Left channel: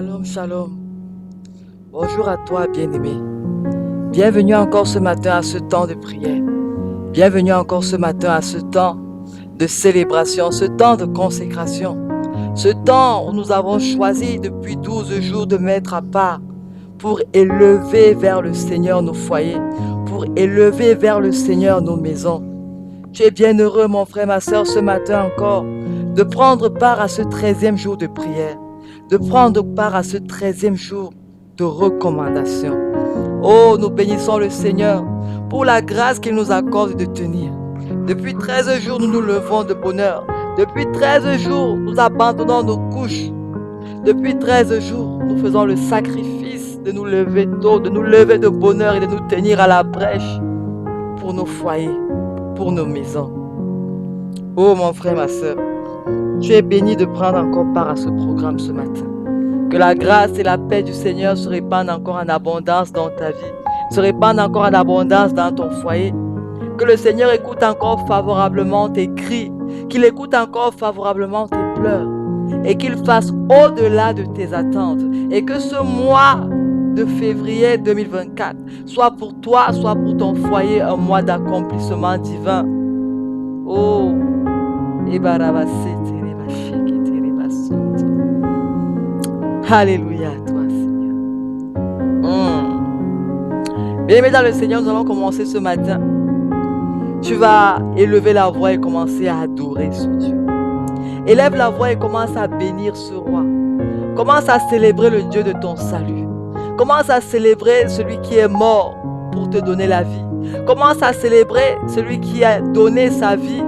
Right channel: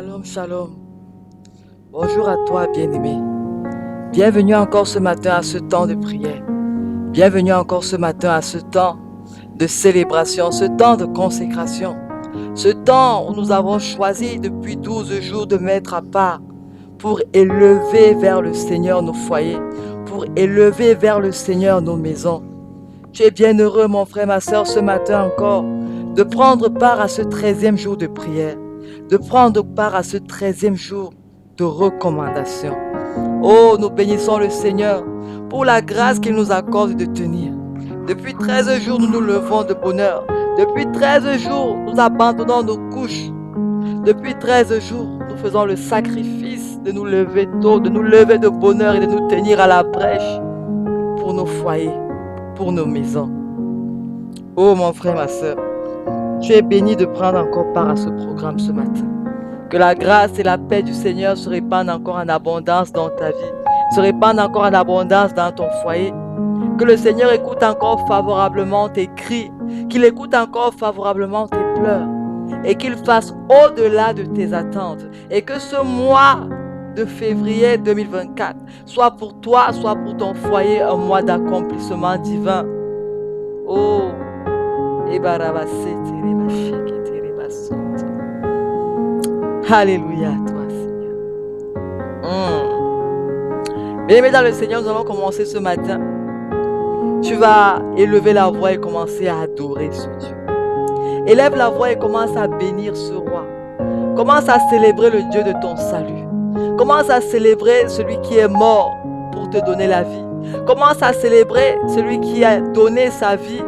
Shalom, shalom. Bonjour à toi, bien-aimé. Bienvenue encore ce matin à ce temps de prière. Bienvenue encore ce matin à ce temps de célébration, ce temps de consécration. Ce temps où nous avons choisi depuis 12 jours de mettre à part pour élever vers le Seigneur nos foyers, pour élever vers le Seigneur nos maisons. Tu es bien heureux, mon frère, ma soeur, ce matin encore, de prendre part à ce 13e jour de prière, de prendre part à ce 13e jour de recommandation. Oh, nous bénissons le Seigneur pour la grâce qu'il nous accorde de tenir. Depuis 13 jours, nous nous levons de bonheur. Depuis 13 jours, nous abandonnons nos couches. Depuis 13 jours, nous faisons le sacrifice de nous lever tôt, de nous lever de bonheur et de nous tenir à la brèche pour nos foyers, pour nos maisons. Oh, mon frère, ma soeur, tu es béni de prendre encore part à ce programme ce matin. Que la grâce et la paix du Seigneur se répandent encore en abondance dans ta vie, se répandent encore en abondance dans ton foyer. Que le Seigneur écoute encore favorablement tes cris, qu'il écoute encore favorablement tes pleurs, et qu'il fasse au-delà de tes attentes. Et que ce mois de février 2024 soit pour toi, soit pour ton foyer, un mois d'accomplissement divin. Oh, alléluia à toi, Seigneur. Bien-aimés dans le Seigneur, nous allons commencer ce matin. Tu vas élever la voix et commencer à adorer ce Dieu. Élève la voix et commence à bénir ce roi. Commence à célébrer le Dieu de ton salut. Commence à célébrer celui qui est mort pour te donner la vie. Commence à célébrer celui qui a donné sa vie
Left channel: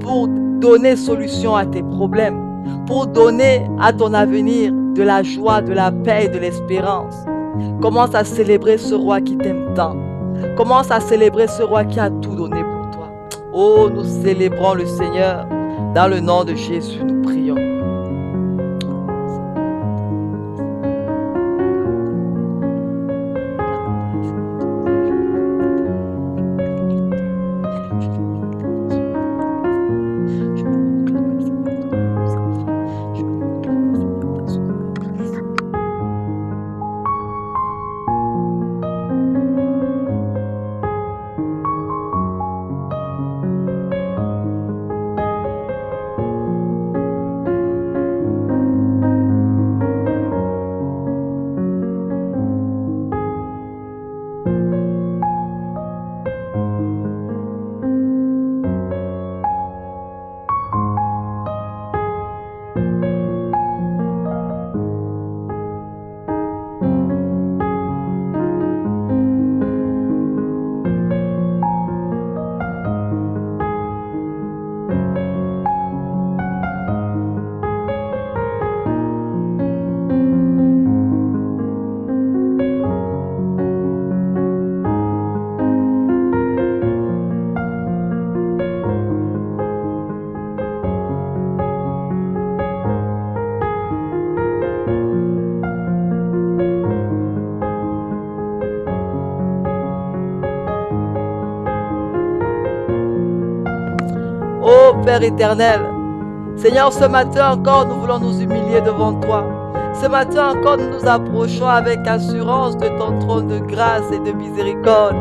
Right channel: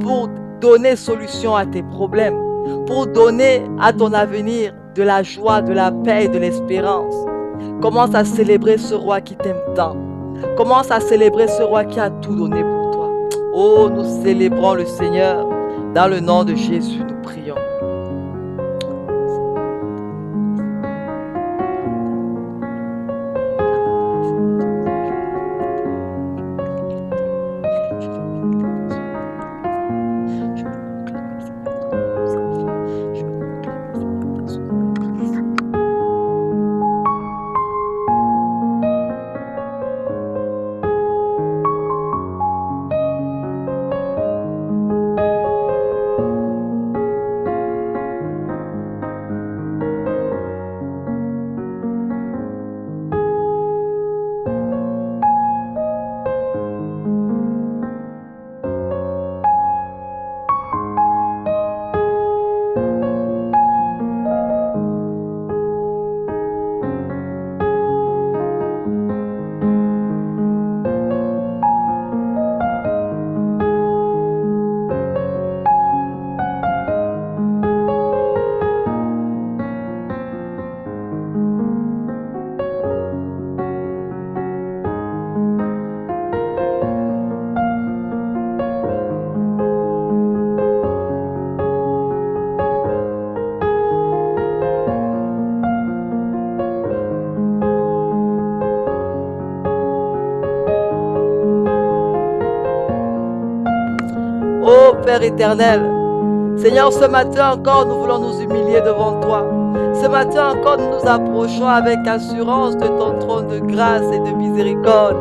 pour donner solution à tes problèmes, pour donner à ton avenir de la joie, de la paix et de l'espérance. Commence à célébrer ce roi qui t'aime tant. Commence à célébrer ce roi qui a tout donné pour toi. Oh, nous célébrons le Seigneur. Dans le nom de Jésus, nous prions. Ô Père éternel, Seigneur, ce matin encore, nous voulons nous humilier devant toi. Ce matin encore, nous nous approchons avec assurance de ton trône de grâce et de miséricorde.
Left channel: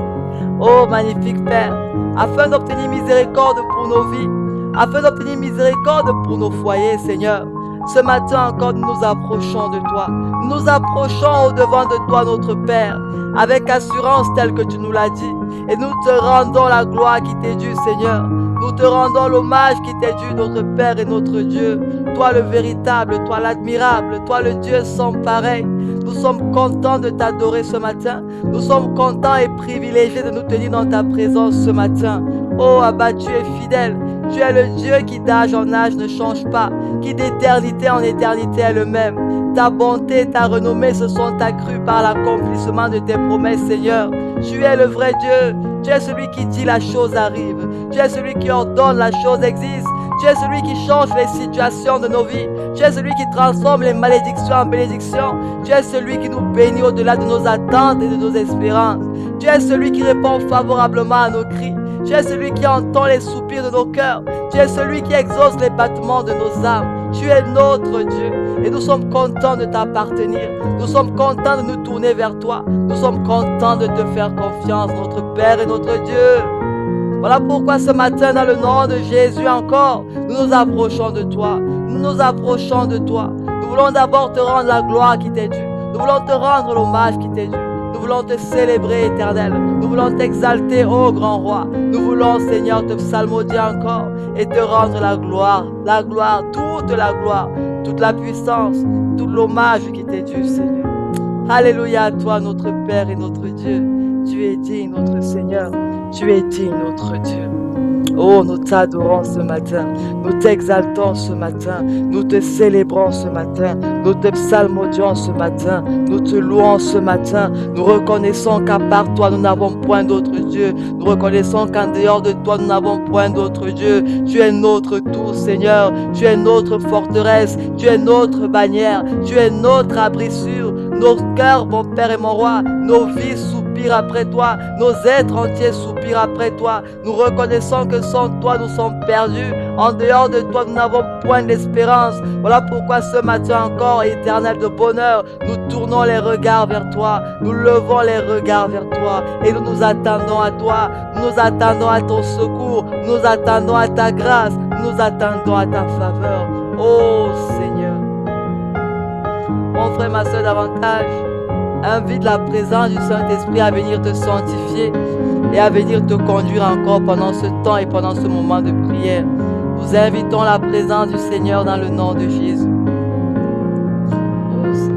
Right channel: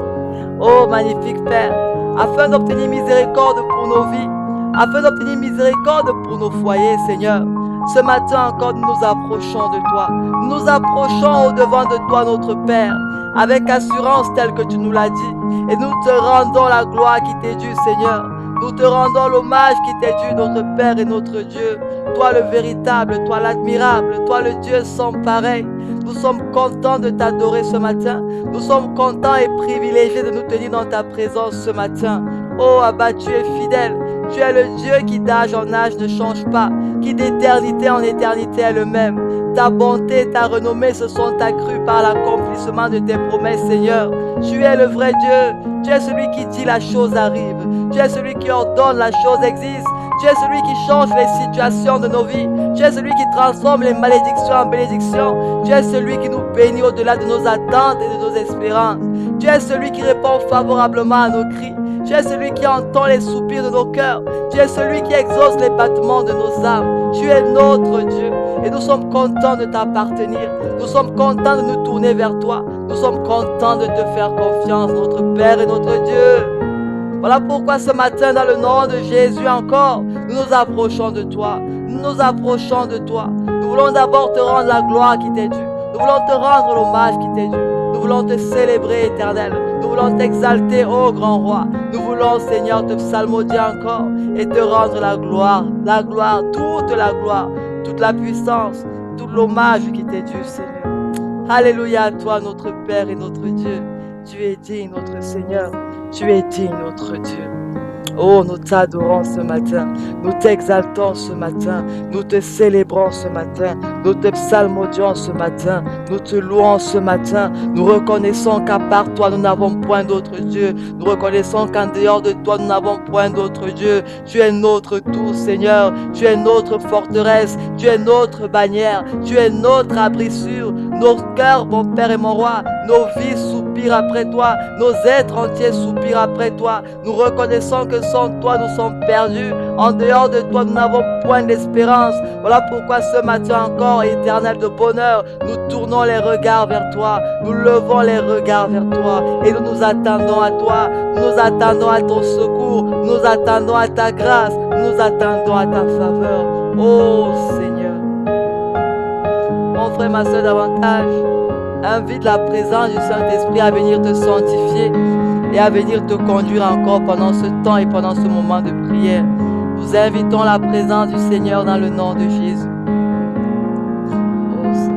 Ô magnifique Père, afin d'obtenir miséricorde pour nos vies, afin d'obtenir miséricorde pour nos foyers, Seigneur. Ce matin encore, nous nous approchons de toi. Nous nous approchons au-devant de toi, notre Père, avec assurance telle que tu nous l'as dit. Et nous te rendons la gloire qui t'est due, Seigneur. Nous te rendons l'hommage qui t'est dû, notre Père et notre Dieu. Toi le véritable, toi l'admirable, toi le Dieu sans pareil. Nous sommes contents de t'adorer ce matin. Nous sommes contents et privilégiés de nous tenir dans ta présence ce matin. Oh Abba, tu es fidèle. Tu es le Dieu qui d'âge en âge ne change pas, qui d'éternité en éternité est le même. Ta bonté, ta renommée se sont accrues par l'accomplissement de tes promesses, Seigneur. Tu es le vrai Dieu. Tu es celui qui dit la chose arrive. Tu es celui qui ordonne la chose existe. Tu es celui qui change les situations de nos vies. Tu es celui qui transforme les malédictions en bénédictions. Tu es celui qui nous bénit au-delà de nos attentes et de nos espérances. Tu es celui qui répond favorablement à nos cris. Tu es celui qui entend les soupirs de nos cœurs. Tu es celui qui exauce les battements de nos âmes. Tu es notre Dieu. Et nous sommes contents de t'appartenir. Nous sommes contents de nous tourner vers toi. Nous sommes contents de te faire confiance, notre Père et notre Dieu. Voilà pourquoi ce matin, dans le nom de Jésus encore, nous nous approchons de toi. Nous nous approchons de toi. Nous voulons d'abord te rendre la gloire qui t'est due. Nous voulons te rendre l'hommage qui t'est dû. Nous voulons te célébrer, Éternel. Nous voulons t'exalter, ô grand roi. Nous voulons, Seigneur, te psalmodier encore et te rendre la gloire, toute la puissance, tout l'hommage qui t'est dû, Seigneur. Alléluia à toi, notre Père et notre Dieu. Tu es digne, notre Seigneur. Tu es digne, notre Dieu. Oh, nous t'adorons ce matin, nous t'exaltons ce matin, nous te célébrons ce matin, nous te psalmodions ce matin, nous te louons ce matin. Nous reconnaissons qu'à part toi, nous n'avons point d'autre Dieu. Nous reconnaissons qu'en dehors de toi, nous n'avons point d'autre Dieu. Tu es notre tout, Seigneur. Tu es notre forteresse. Tu es notre bannière. Tu es notre abri sûr. Nos cœurs, mon Père et mon Roi, nos vies soupirent après toi. Nos êtres entiers soupirent après toi. Nous reconnaissons que sans toi, nous sommes perdus. En dehors de toi, nous n'avons point d'espérance. Voilà pourquoi ce matin encore, Éternel de bonheur, nous tournons les regards vers toi. Nous levons les regards vers toi. Et nous nous attendons à toi. Nous nous attendons à ton secours. Nous nous attendons à ta grâce. Nous nous attendons à ta faveur. Oh Seigneur. Mon frère, ma soeur, davantage, invite la présence du Saint-Esprit à venir te sanctifier et à venir te conduire encore pendant ce temps et pendant ce moment de prière. Nous invitons la présence du Seigneur dans le nom de Jésus. Oh Seigneur.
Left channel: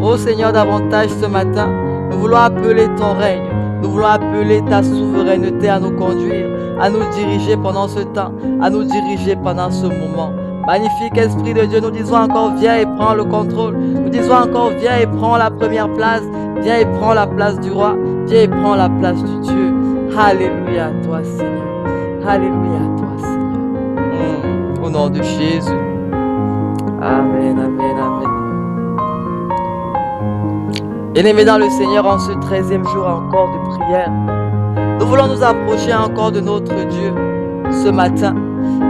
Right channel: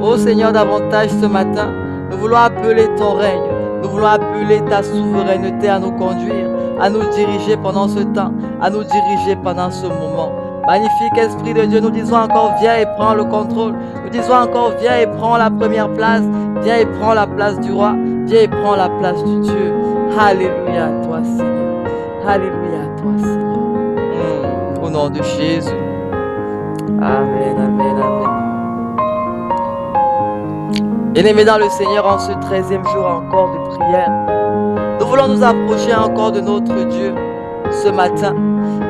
Ô Seigneur, davantage ce matin, nous voulons appeler ton règne. Nous voulons appeler ta souveraineté à nous conduire, à nous diriger pendant ce temps, à nous diriger pendant ce moment. Magnifique Esprit de Dieu, nous disons encore, viens et prends le contrôle. Nous disons encore, viens et prends la première place. Viens et prends la place du roi. Viens et prends la place du Dieu. Alléluia à toi, Seigneur. Alléluia à toi, Seigneur. Au nom de Jésus. Amen, amen, amen. Bien-aimés dans le Seigneur, en ce 13e jour encore de prière, nous voulons nous approcher encore de notre Dieu ce matin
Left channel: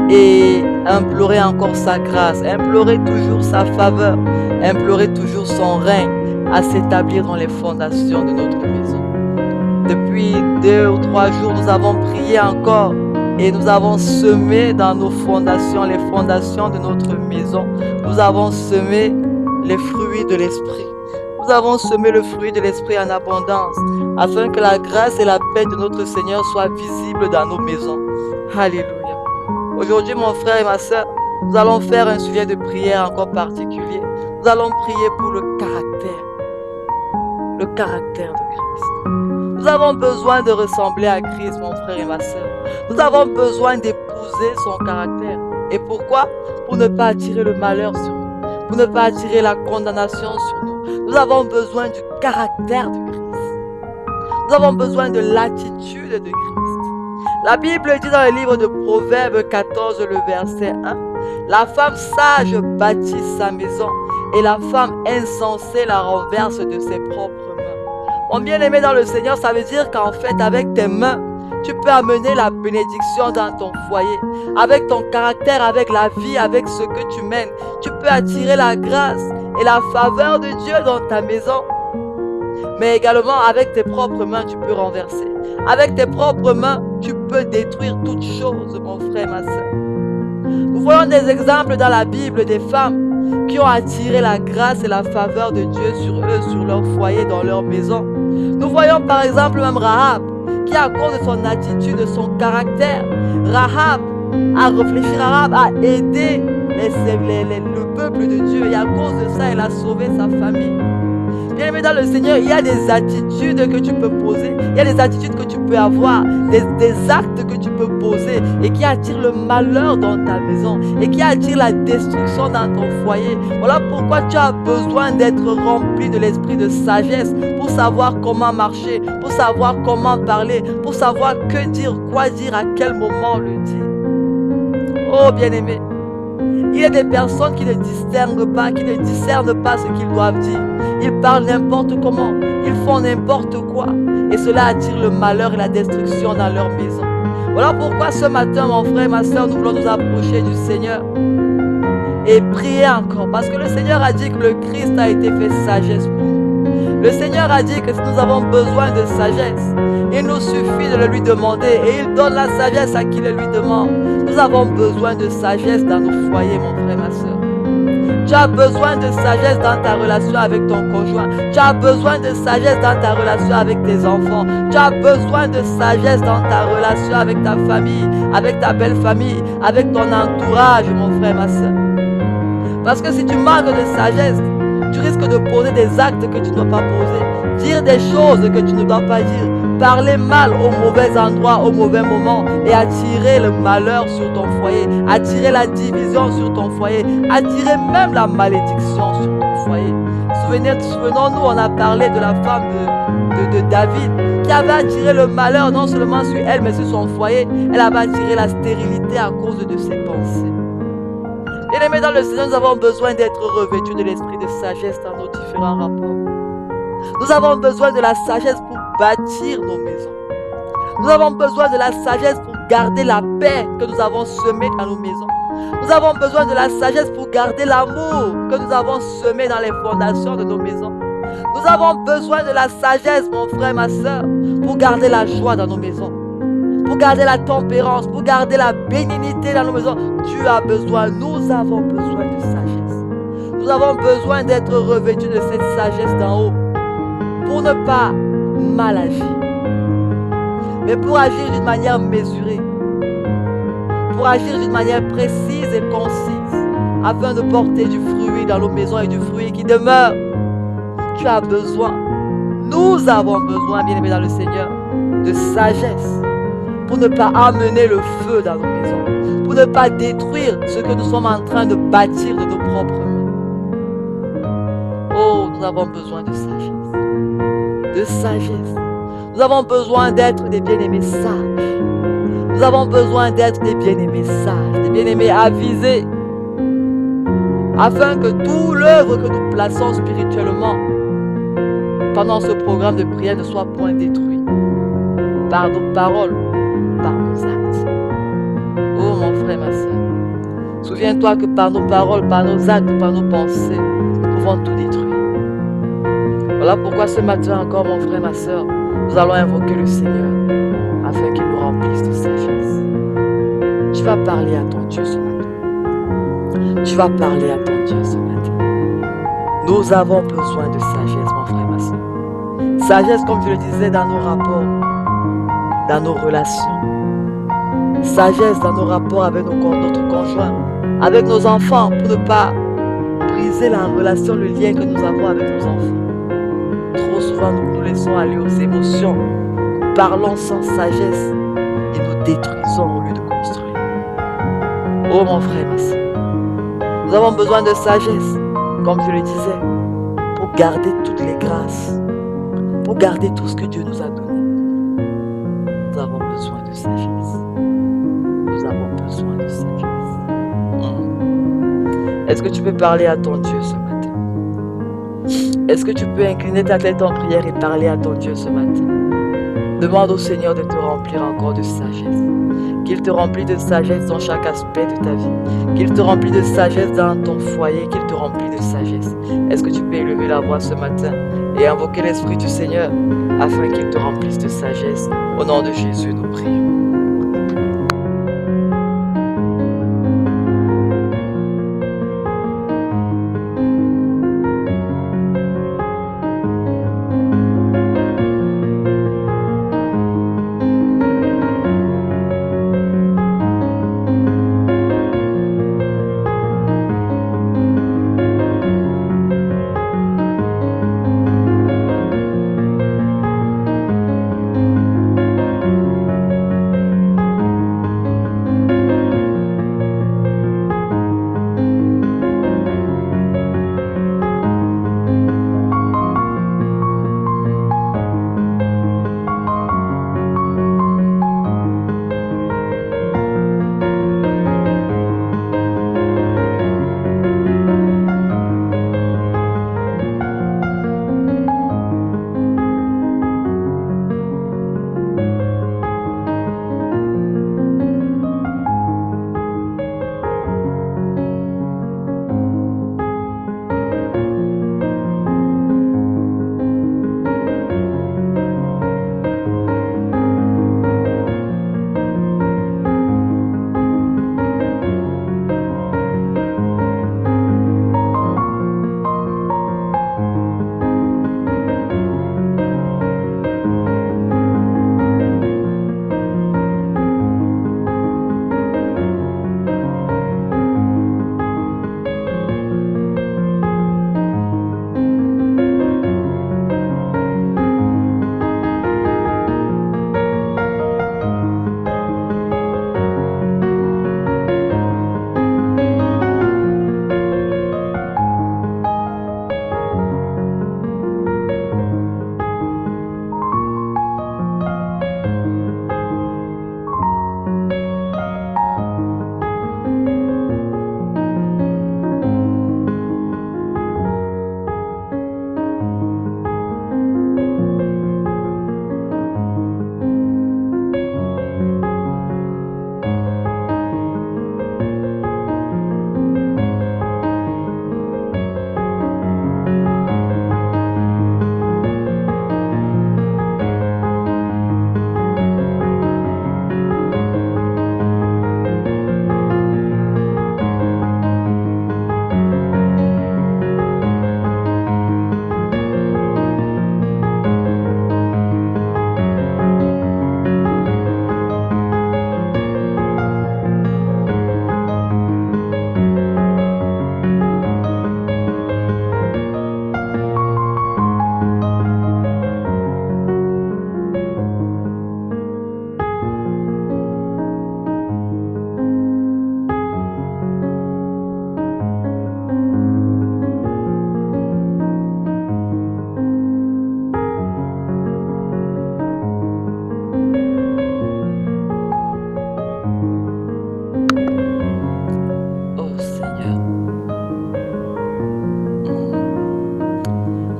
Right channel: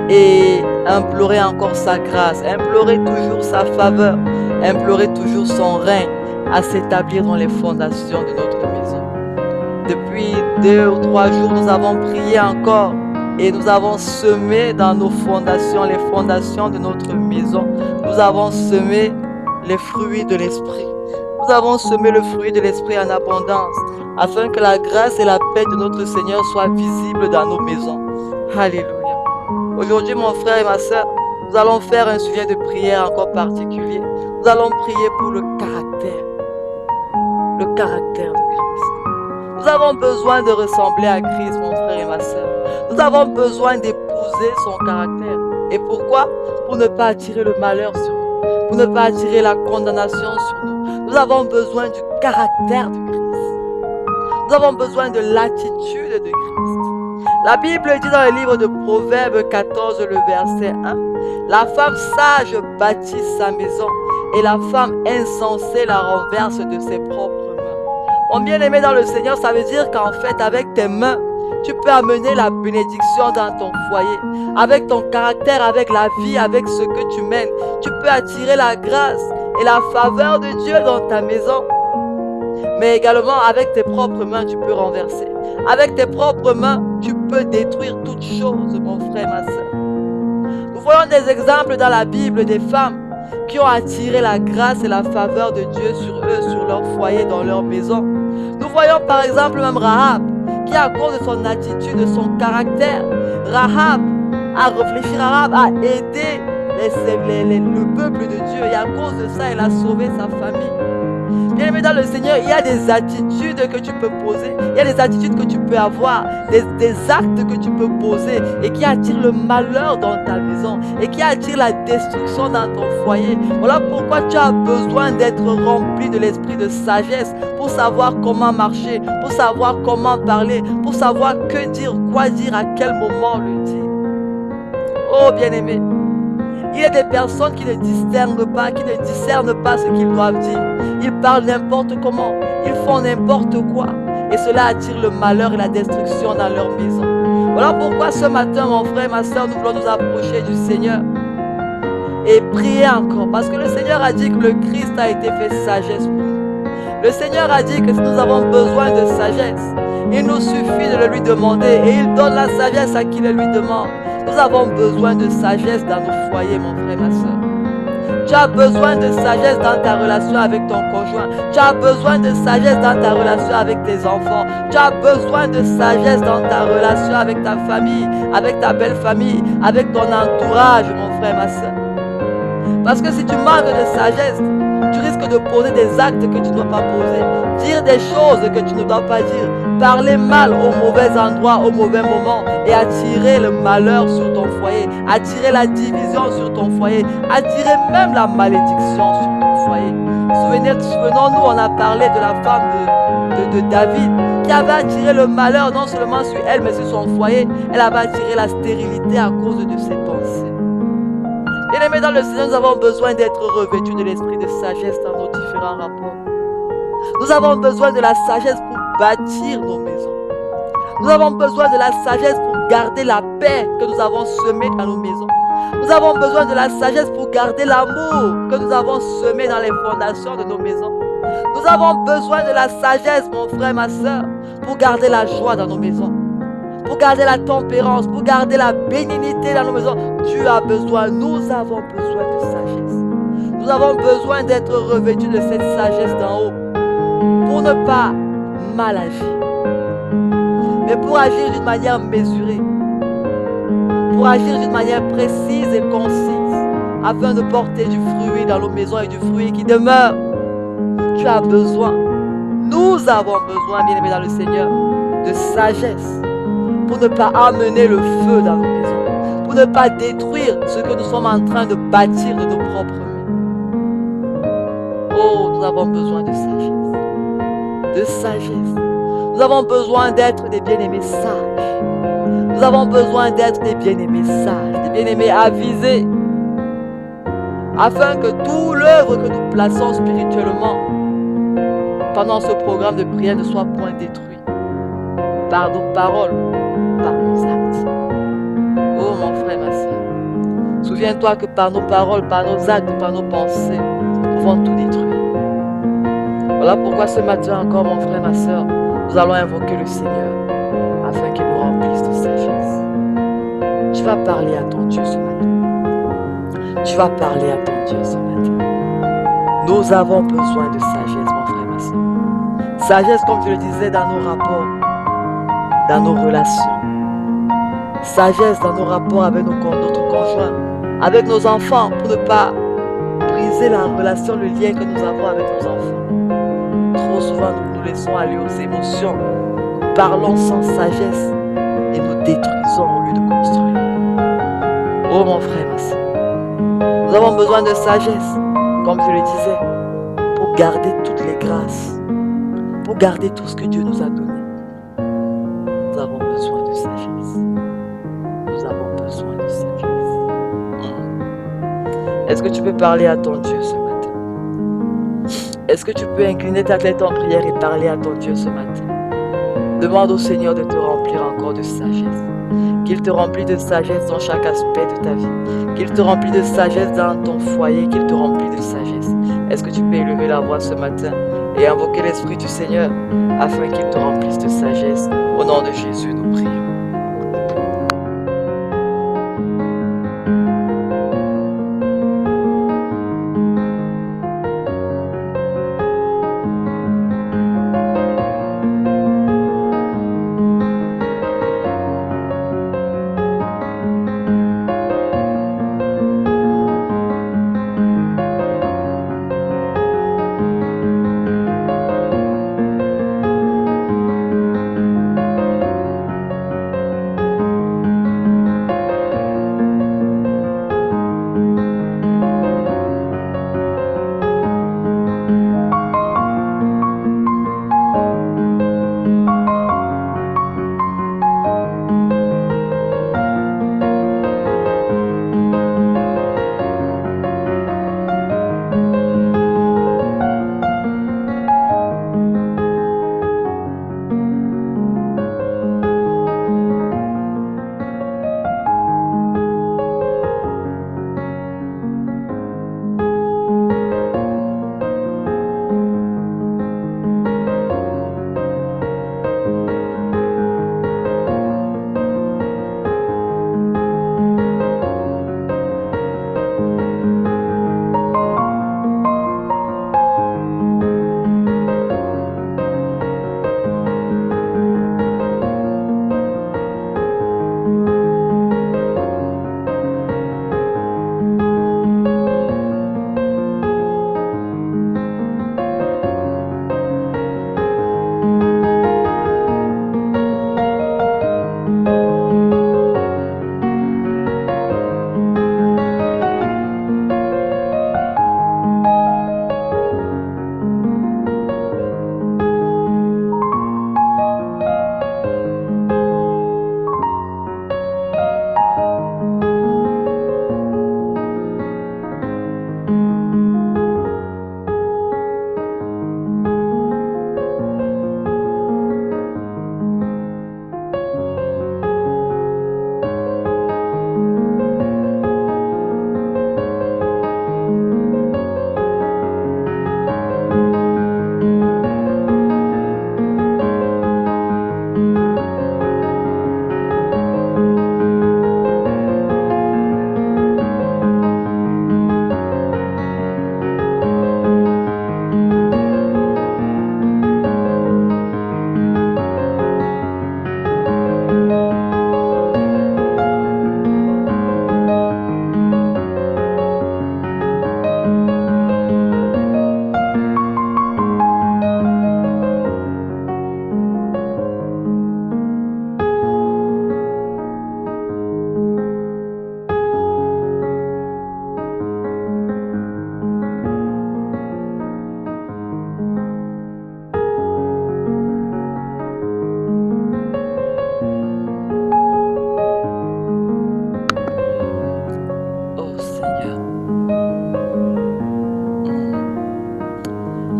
et implorer encore sa grâce, implorer toujours sa faveur, implorer toujours son règne à s'établir dans les fondations de notre maison. Depuis 2 ou 3 jours, nous avons prié encore et nous avons semé dans nos fondations, les fondations de notre maison. Nous avons semé les fruits de l'Esprit. Nous avons semé le fruit de l'Esprit en abondance, afin que la grâce et la paix de notre Seigneur soient visibles dans nos maisons. Alléluia. Aujourd'hui, mon frère et ma soeur, nous allons faire un sujet de prière encore particulier. Nous allons prier pour le caractère de Christ. Nous avons besoin de ressembler à Christ, mon frère et ma soeur. Nous avons besoin d'épouser son caractère. Et pourquoi? Pour ne pas attirer le malheur sur nous, pour ne pas attirer la condamnation sur nous. Nous avons besoin du caractère de Christ. Nous avons besoin de l'attitude de Christ. La Bible dit dans le livre de Proverbes 14, le verset 1, « La femme sage bâtit sa maison et la femme insensée la renverse de ses propres mains. » Mon bien-aimé dans le Seigneur, ça veut dire qu'en fait, avec tes mains, Tu peux amener la bénédiction dans ton foyer, avec ton caractère, avec la vie, avec ce que tu mènes. Tu peux attirer la grâce et la faveur de Dieu dans ta maison. Mais également, avec tes propres mains, tu peux renverser. Avec tes propres mains, tu peux détruire toutes choses, mon frère, ma soeur. Nous voyons des exemples dans la Bible des femmes qui ont attiré la grâce et la faveur de Dieu sur eux, sur leur foyer, dans leur maison. Nous voyons par exemple même Rahab, qui à cause de son attitude, de son caractère, Rahab a réfléchi, Rahab a aidé le peuple de Dieu et à cause de ça, elle a sauvé sa famille. Bien aimé dans le Seigneur, il y a des attitudes que tu peux poser, il y a des attitudes que tu peux avoir, des actes que tu peux poser et qui attirent le malheur dans ta maison et qui attirent la destruction dans ton foyer. Voilà pourquoi tu as besoin d'être rempli de l'esprit de sagesse pour savoir comment marcher, pour savoir comment parler, pour savoir que dire, quoi dire, à quel moment le dire. Oh bien-aimé, il y a des personnes qui ne discernent pas ce qu'ils doivent dire. Ils parlent n'importe comment, ils font n'importe quoi. Et cela attire le malheur et la destruction dans leur maison. Voilà pourquoi ce matin, mon frère, ma soeur, nous voulons nous approcher du Seigneur et prier encore. Parce que le Seigneur a dit que le Christ a été fait sagesse pour nous. Le Seigneur a dit que si nous avons besoin de sagesse, il nous suffit de le lui demander et il donne la sagesse à qui le lui demande. Nous avons besoin de sagesse dans nos foyers, mon frère, ma soeur. Tu as besoin de sagesse dans ta relation avec ton conjoint. Tu as besoin de sagesse dans ta relation avec tes enfants. Tu as besoin de sagesse dans ta relation avec ta famille, avec ta belle famille, avec ton entourage, mon frère, ma soeur. Parce que si tu manques de sagesse, tu risques de poser des actes que tu ne dois pas poser, dire des choses que tu ne dois pas dire, parler mal au mauvais endroit, au mauvais moment et attirer le malheur sur ton foyer, attirer la division sur ton foyer, attirer même la malédiction sur ton foyer. Souvenons-nous, on a parlé de la femme de David qui avait attiré le malheur non seulement sur elle mais sur son foyer. Elle avait attiré la stérilité à cause de ses pensées. Bien-aimés dans le Seigneur, nous avons besoin d'être revêtus de l'esprit de sagesse dans nos différents rapports. Nous avons besoin de la sagesse pour bâtir nos maisons. Nous avons besoin de la sagesse pour garder la paix que nous avons semée dans nos maisons. Nous avons besoin de la sagesse pour garder l'amour que nous avons semé dans les fondations de nos maisons. Nous avons besoin de la sagesse, mon frère, ma soeur, pour garder la joie dans nos maisons, pour garder la tempérance, pour garder la bénignité dans nos maisons. Tu as besoin, nous avons besoin de sagesse. Nous avons besoin d'être revêtus de cette sagesse d'en haut pour ne pas mal agir, mais pour agir d'une manière mesurée, pour agir d'une manière précise et concise, afin de porter du fruit dans nos maisons et du fruit qui demeure. Tu as besoin, nous avons besoin, bien-aimés dans le Seigneur, de sagesse pour ne pas amener le feu dans nos maisons, pour ne pas détruire ce que nous sommes en train de bâtir de nos propres mains. Oh, nous avons besoin de sagesse. De sagesse. Nous avons besoin d'être des bien-aimés sages. Nous avons besoin d'être des bien-aimés sages, des bien-aimés avisés, afin que tout l'œuvre que nous plaçons spirituellement pendant ce programme de prière ne soit point détruit par nos paroles, par nos actes. Oh mon frère, ma soeur, souviens-toi que par nos paroles, par nos actes, par nos pensées, nous pouvons tout détruire. Voilà pourquoi ce matin encore, mon frère, ma soeur, nous allons invoquer le Seigneur afin qu'il nous remplisse de sagesse. Tu vas parler à ton Dieu ce matin. Tu vas parler à ton Dieu ce matin. Nous avons besoin de sagesse, mon frère, ma soeur. Sagesse, comme je le disais, dans nos rapports, dans nos relations. Sagesse dans nos rapports avec notre conjoint, avec nos enfants, pour ne pas briser la relation, le lien que nous avons avec nos enfants. Trop souvent, nous nous laissons aller aux émotions. Nous parlons sans sagesse et nous détruisons au lieu de construire. Oh mon frère, ma soeur, nous avons besoin de sagesse, comme je le disais, pour garder toutes les grâces, pour garder tout ce que Dieu nous a donné. Nous avons besoin de sagesse. Nous avons besoin de sagesse. Est-ce que tu peux parler à ton Dieu ce matin? Est-ce que tu peux incliner ta tête en prière et parler à ton Dieu ce matin? Demande au Seigneur de te remplir encore de sagesse. Qu'il te remplisse de sagesse dans chaque aspect de ta vie. Qu'il te remplisse de sagesse dans ton foyer, qu'il te remplisse de sagesse. Est-ce que tu peux élever la voix ce matin et invoquer l'Esprit du Seigneur afin qu'il te remplisse de sagesse? Au nom de Jésus, nous prions.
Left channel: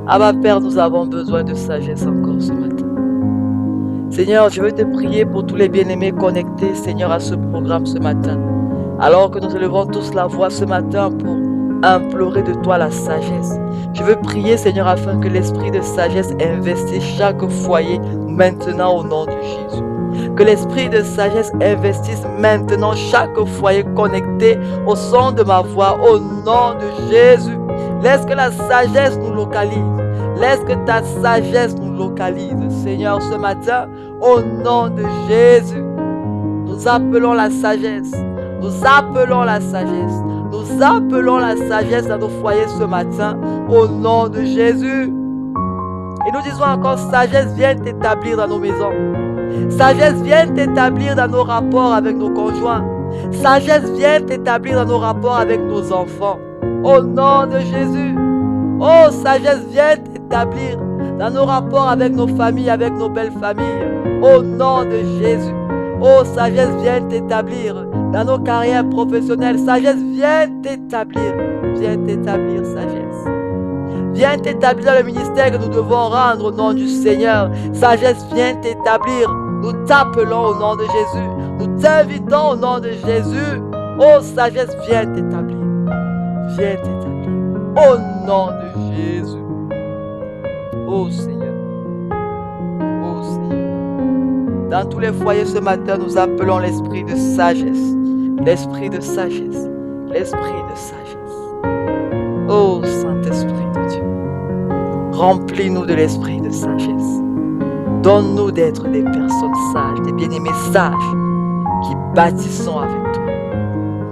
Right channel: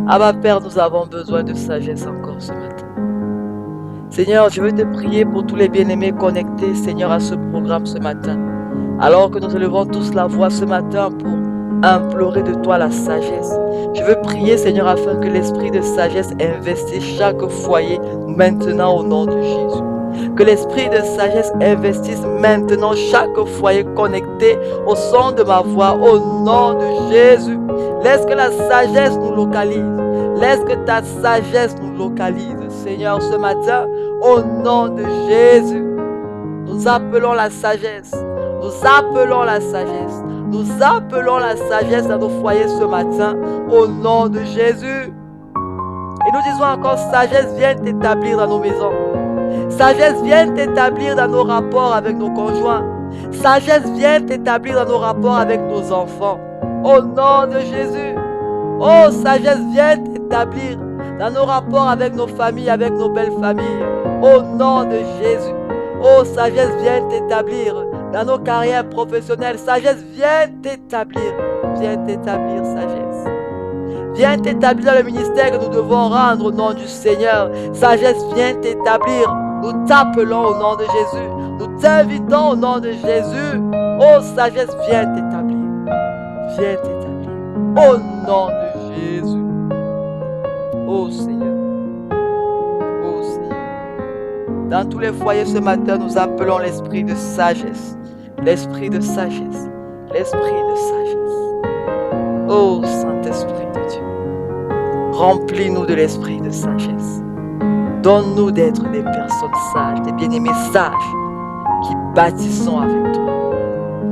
Abba Père, nous avons besoin de sagesse encore ce matin. Seigneur, je veux te prier pour tous les bien-aimés connectés, Seigneur, à ce programme ce matin. Alors que nous élevons tous la voix ce matin pour implorer de toi la sagesse. Je veux prier, Seigneur, afin que l'esprit de sagesse investisse chaque foyer maintenant au nom de Jésus. Que l'esprit de sagesse investisse maintenant chaque foyer connecté au son de ma voix au nom de Jésus. Laisse que la sagesse nous localise. Laisse que ta sagesse nous localise. Seigneur, ce matin, au nom de Jésus, nous appelons la sagesse. Nous appelons la sagesse. Nous appelons la sagesse dans nos foyers ce matin, au nom de Jésus. Et nous disons encore, sagesse, viens t'établir dans nos maisons. Sagesse, viens t'établir dans nos rapports avec nos conjoints. Sagesse, viens t'établir dans nos rapports avec nos enfants. Au nom de Jésus. Oh, sagesse, viens t'établir dans nos rapports avec nos familles, avec nos belles familles. Au nom de Jésus. Oh, sagesse, viens t'établir dans nos carrières professionnelles. Sagesse, viens t'établir. Viens t'établir, sagesse. Viens t'établir dans le ministère que nous devons rendre au nom du Seigneur. Sagesse, viens t'établir. Nous t'appelons au nom de Jésus. Nous t'invitons au nom de Jésus. Oh, sagesse, viens t'établir. Viens t'établir. Au nom de Jésus. Oh Seigneur. Oh Seigneur. Dans tous les foyers ce matin, nous appelons l'esprit de sagesse. L'esprit de sagesse. L'esprit de sagesse. Oh Saint-Esprit de Dieu. Remplis-nous de l'esprit de sagesse. Donne-nous d'être des personnes sages, des bien-aimés sages, qui bâtissons avec toi.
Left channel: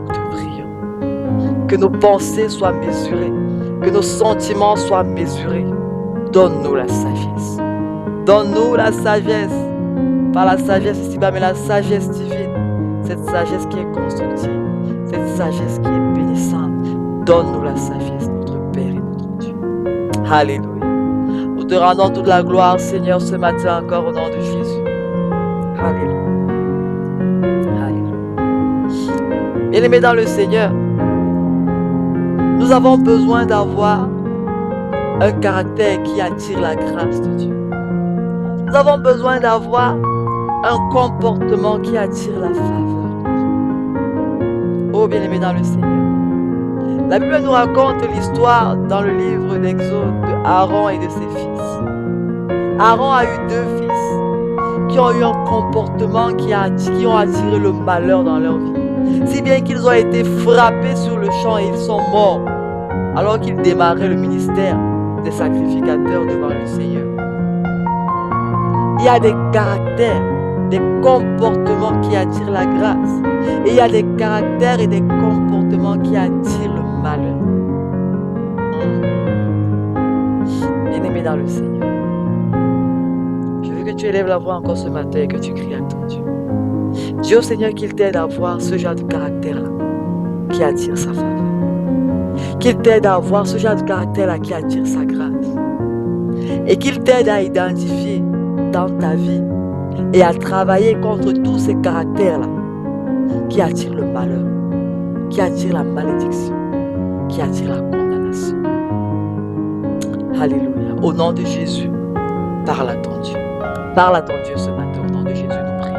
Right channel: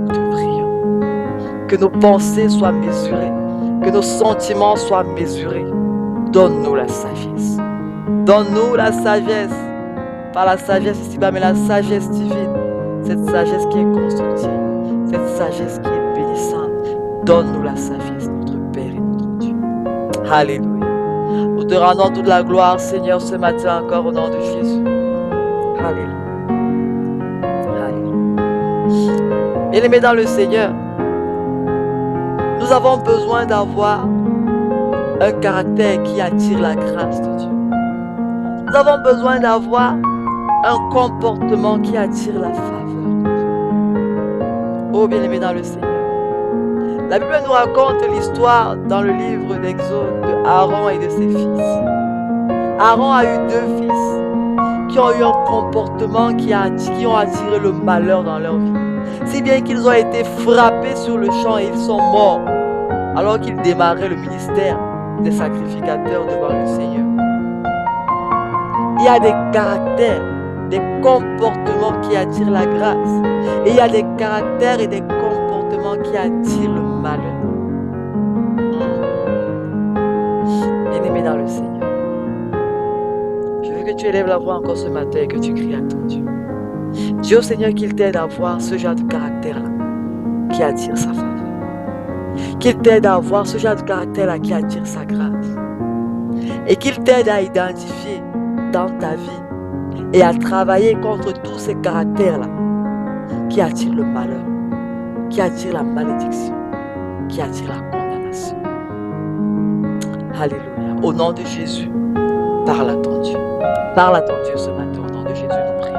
Nous te prions. Que nos pensées soient mesurées, que nos sentiments soient mesurés. Donne-nous la sagesse. Donne-nous la sagesse. Par la sagesse ici-bas, mais la sagesse divine. Cette sagesse qui est constructive. Cette sagesse qui est bénissante. Donne-nous la sagesse, notre Père et notre Dieu. Alléluia. Nous te rendons toute la gloire, Seigneur, ce matin encore au nom de Jésus. Alléluia. Alléluia. Bien-aimés dans le Seigneur, nous avons besoin d'avoir un caractère qui attire la grâce de Dieu. Nous avons besoin d'avoir un comportement qui attire la faveur de Dieu. Oh, bien-aimés dans le Seigneur. La Bible nous raconte l'histoire dans le livre d'Exode de Aaron et de ses fils. Aaron a eu 2 fils qui ont eu un comportement qui ont attiré le malheur dans leur vie. Si bien qu'ils ont été frappés sur le champ et ils sont morts alors qu'ils démarraient le ministère des sacrificateurs devant le Seigneur. Il y a des caractères, des comportements qui attirent la grâce. Et il y a des caractères et des comportements qui attirent le malheur. Bien-aimé dans le Seigneur, je veux que tu élèves la voix encore ce matin et que tu cries à ton Dieu. Dis au Seigneur qu'il t'aide à voir ce genre de caractère-là qui attire sa faveur. Qu'il t'aide à voir ce genre de caractère-là qui attire sa grâce. Et qu'il t'aide à identifier dans ta vie et à travailler contre tous ces caractères-là qui attirent le malheur, qui attirent la malédiction, qui attirent la condamnation. Alléluia. Au nom de Jésus, parle à ton Dieu. Parle à ton Dieu ce matin. Au nom de Jésus, nous prions.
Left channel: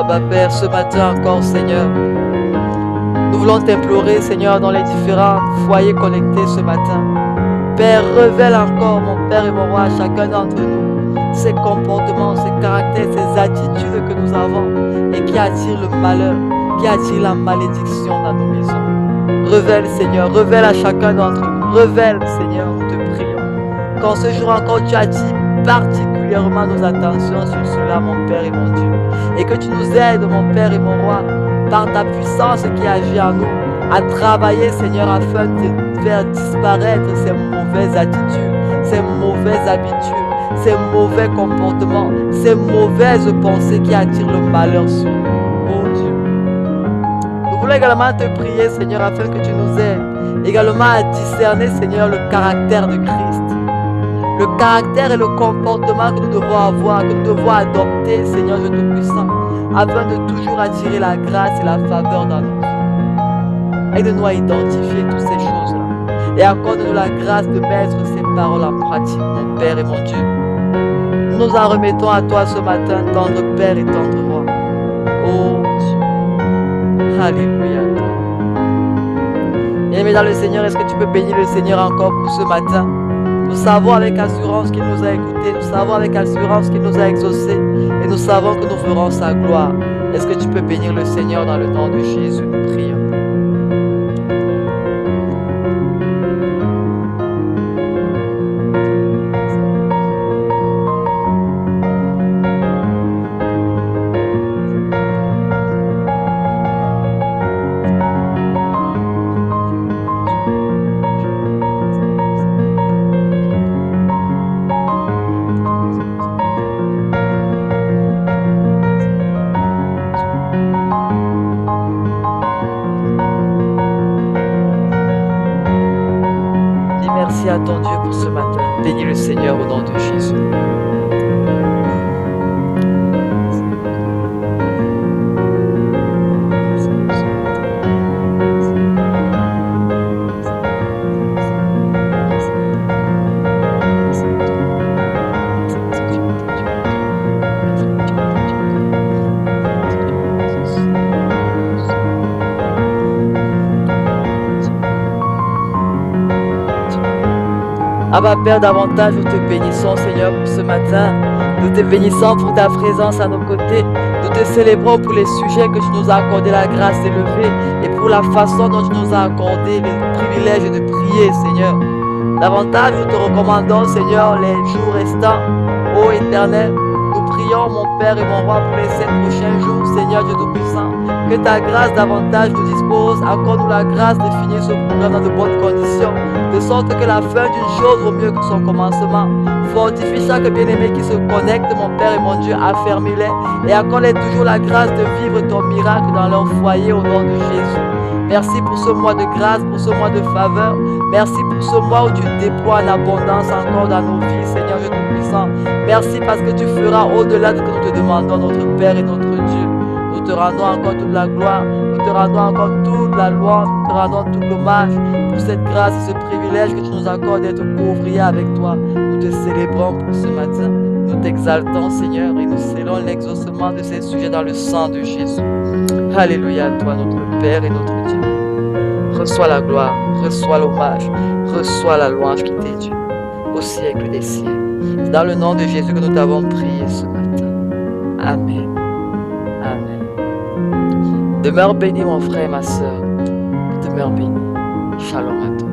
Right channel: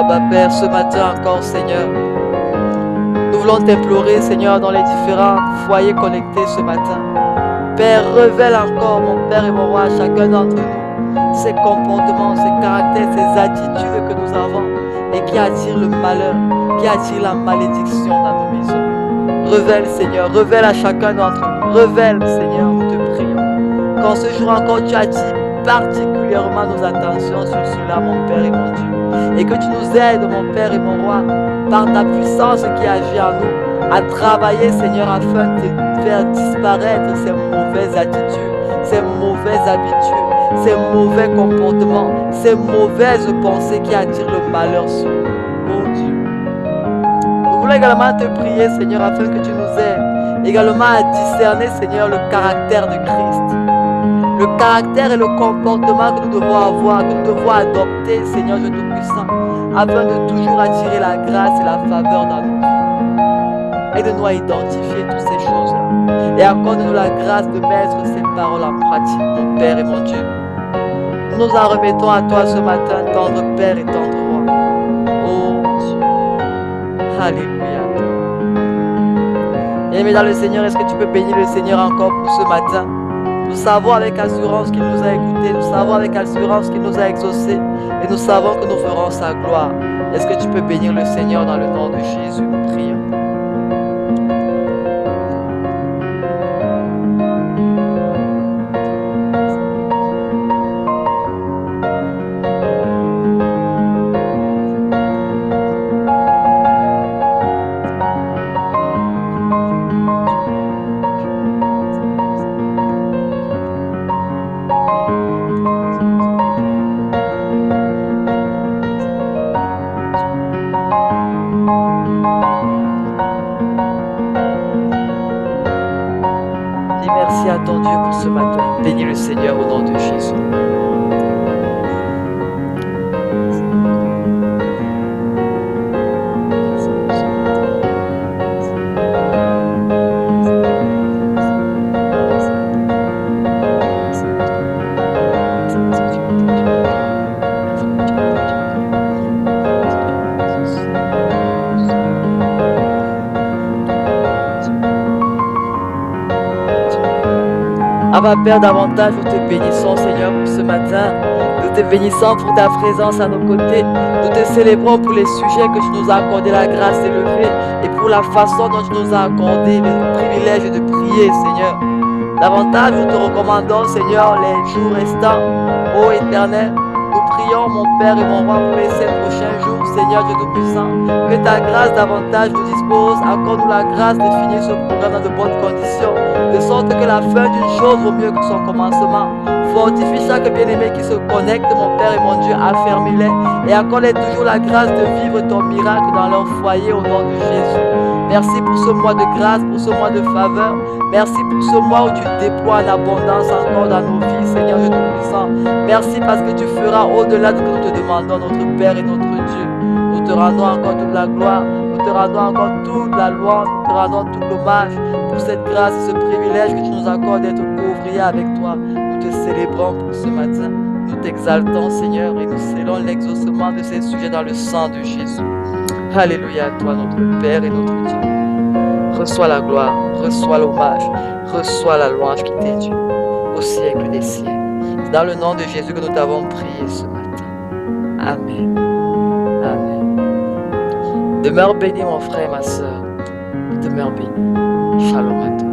Abba Père, ce matin encore, Seigneur. Nous voulons t'implorer, Seigneur, dans les différents foyers connectés ce matin. Père, révèle encore, mon Père et mon Roi, à chacun d'entre nous, ces comportements, ces caractères, ces attitudes que nous avons et qui attirent le malheur, qui attirent la malédiction dans nos maisons. Révèle, Seigneur, révèle à chacun d'entre nous. Révèle, Seigneur, nous te prions. Qu'en ce jour encore, tu attires particulièrement nos attentions sur cela, mon Père et mon Dieu. Et que tu nous aides, mon Père et mon Roi, par ta puissance qui agit en nous, à travailler, Seigneur, afin de faire disparaître ces mauvaises attitudes, ces mauvaises habitudes, ces mauvais comportements, ces mauvaises pensées qui attirent le malheur sur nous. Oh Dieu. Nous voulons également te prier, Seigneur, afin que tu nous aides également à discerner, Seigneur, le caractère de Christ. Le caractère et le comportement que nous devons avoir, que nous devons adopter, Seigneur Dieu Tout-Puissant, afin de toujours attirer la grâce et la faveur dans nos vies. Aide-nous à identifier toutes ces choses-là. Et accorde-nous la grâce de mettre ces paroles en pratique, mon Père et mon Dieu. Nous nous en remettons à toi ce matin, tendre Père et tendre Roi. Oh Dieu. Alléluia. Bien-aimé dans le Seigneur, est-ce que tu peux bénir le Seigneur encore pour ce matin? Nous savons avec assurance qu'il nous a écoutés, nous savons avec assurance qu'il nous a exaucés et nous savons que nous ferons sa gloire. Est-ce que tu peux bénir le Seigneur dans le nom de Jésus? Nous prions. Merci à ton Dieu pour ce matin. Bénis le Seigneur au nom de Jésus. Abba Père, davantage nous te bénissons, Seigneur, pour ce matin. Nous te bénissons pour ta présence à nos côtés. Nous te célébrons pour les sujets que tu nous as accordé la grâce d'élever et pour la façon dont tu nous as accordé le privilège de prier, Seigneur. Davantage nous te recommandons, Seigneur, les jours restants. Ô Éternel, nous prions, mon Père et mon Roi, pour les 7 prochains jours, Seigneur Dieu Tout-Puissant. Que ta grâce davantage nous dispose. Accorde-nous la grâce de finir ce programme dans de bonnes conditions, de sorte que la fin d'une chose vaut mieux que son commencement. Fortifie chaque bien-aimé qui se connecte, mon Père et mon Dieu, affermis-les et accorde-les toujours la grâce de vivre ton miracle dans leur foyer au nom de Jésus. Merci pour ce mois de grâce, pour ce mois de faveur. Merci pour ce mois où tu déploies en abondance encore dans nos vies, Seigneur Dieu Tout-Puissant. Merci parce que tu feras au-delà de ce que nous te demandons, notre Père et notre Dieu. Nous te rendons encore toute la gloire, nous te rendons encore toute la louange, nous te rendons tout l'hommage pour cette grâce et ce privilège que tu nous accordes d'être co-ouvriers avec toi. Nous te célébrons pour ce matin. Nous t'exaltons, Seigneur, et nous scellons l'exaucement de ces sujets dans le sang de Jésus. Alléluia à toi, notre Père et notre Dieu. Reçois la gloire, reçois l'hommage, reçois la louange qui t'est due au siècle des siècles. C'est dans le nom de Jésus que nous t'avons prié ce matin. Amen. Amen. Demeure béni, mon frère et ma sœur. Demeure béni. Shalom à toi.